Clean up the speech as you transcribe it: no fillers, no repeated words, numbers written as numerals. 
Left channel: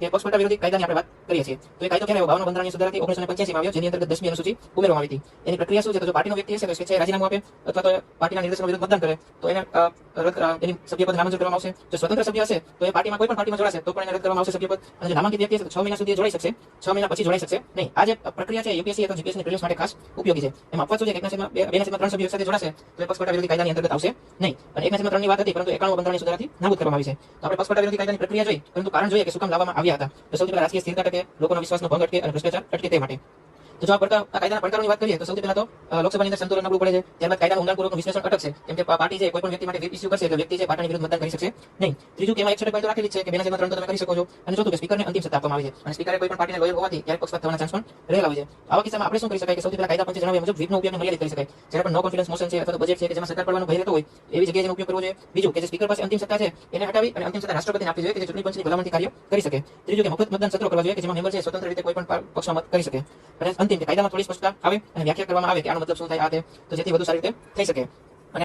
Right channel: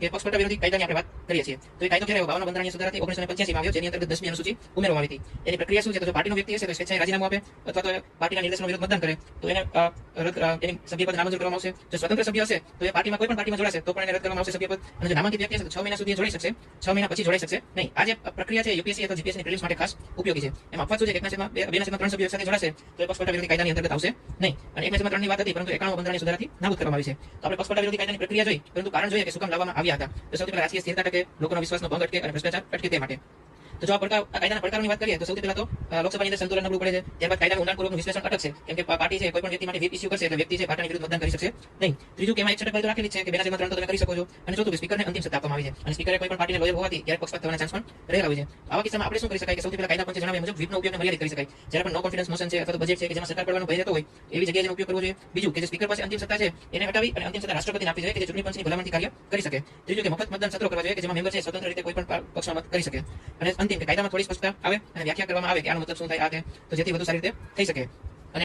કે પક્ષપલટા વિરોધી કાયદાની આપણે વાત કરીએ છીએ. તો એ કાયદો ક્યારે આવ્યો? 52 બંધારણીય સુધારાથી 1985 માં આવ્યો, જેની અંતર્ગત 10મી અનુસૂચિ ઉમેરવામાં આવી હતી. એની પ્રક્રિયા શું છે? તો જો પાર્ટીનો વ્યક્તિ હશે તો સ્વેચ્છાએ રાજીનામું આપે અથવા તો પાર્ટીના નિર્દેશનો વિરુદ્ધ મતદાન કરે તો એને એની સભ્યપદ નામંજૂર કરવામાં આવશે. જો સ્વતંત્ર સભ્ય હશે તો એ પાર્ટીમાં કોઈ પણ પાર્ટીમાં જોડાશે તો પણ એને રદ કરવામાં આવશે સભ્યપદ. અને જો નામાંકિત વ્યક્તિ હશે તો 6 મહિના સુધી જોડાઈ શકશે, 6 મહિના પછી જોડાઈ શકશે નહીં. આ જે પ્રક્રિયા છે યુપીએસસી અથવા જીપીએસસી પ્રિલિમ્સ માટે ખાસ ઉપયોગી છે. એમાં અપવાદ શું છે કે 1/2 સભ્યો સાથે જોડાશે તો એ પક્ષપલટા વિરોધી કાયદાની અંતર્ગત આવશે નહીં. અને 1/3 ની વાત હતી, પરંતુ 91 બંધારણીય સુધારાથી નાબૂદ કરવામાં આવી છે. તો આપણે પક્ષપલટા વિરોધી કાયદાની પ્રક્રિયા જોઈ, પરંતુ કારણ જોઈએ કે શું કામ લાવવામાં આવ્યા હતા. તો સૌથી પહેલા રાજકીય સ્થિરતા ટકે, લોકોના વિશ્વાસનો ભંગ અટકે અને ભ્રષ્ટાચાર અટકે તે માટે. તો જો આ કાયદાના પડકારોની વાત કરીએ તો સૌથી પહેલા તો લોકસભાની અંદર સંતુલન નબળું પડે છે. ત્યારબાદ કાયદાનું ઊંડાણપૂર્વકનું વિશ્લેષણ અટકશે, કેમ કે પાર્ટી છે કોઈ પણ વ્યક્તિ માટે વ્હીપ ઇસ્યુ કરશે એટલે વ્યક્તિ છે પાર્ટીની વિરુદ્ધ મતદાન કરી શકશે નહીં. ત્રીજું કે એમાં એક છટક બાજુ રાખેલી છે કે 2/3 તો તમે કરી શકો છો. અને ચોથું કે સ્પીકરને અંતિમ સત્તા આપવામાં આવી છે અને સ્પીકરે કોઈ પણ પાર્ટીને લોયર હોવાથી ક્યારેક પક્ષપાત થવાના ચાન્સ પણ રહેલા હોય છે. આવા કિસ્સામાં આપણે શું કરી શકાય કે સૌથી પહેલા કાયદા પંચે જણાવ્યા મુજબ વ્હીપનો ઉપયોગ મર્યાદિત કરી શકાય. જ્યારે પણ નો કોન્ફિડન્સ મોશન છે અથવા તો બજેટ છે કે જેમાં સરકાર પડવાનો ભય રહેતો હોય એવી જગ્યાએ તેનો ઉપયોગ કરવો જોઈએ. બીજું કે જે સ્પીકર પાસે અંતિમ સત્તા છે એને હટાવી અને અંતિમ સત્તા રાષ્ટ્રપતિને આપવી જોઈએ કે જે ચૂંટણી પંચની ભલામણથી કાર્ય કરી શકે. ત્રીજું કે મફત મતદાન સત્રો કરવા જોઈએ કે જેમાં મેમ્બર છે સ્વતંત્ર રીતે કોઈ પણ પક્ષમાં મત કરી શકે. અને અંતિમ કે કાયદામાં થોડી સ્પષ્ટતા આવે અને વ્યાખ્યા કરવામાં આવે કે આનો મતલબ શું થાય આ તે, તો જેથી વધુ સારી રીતે થઈ શકે.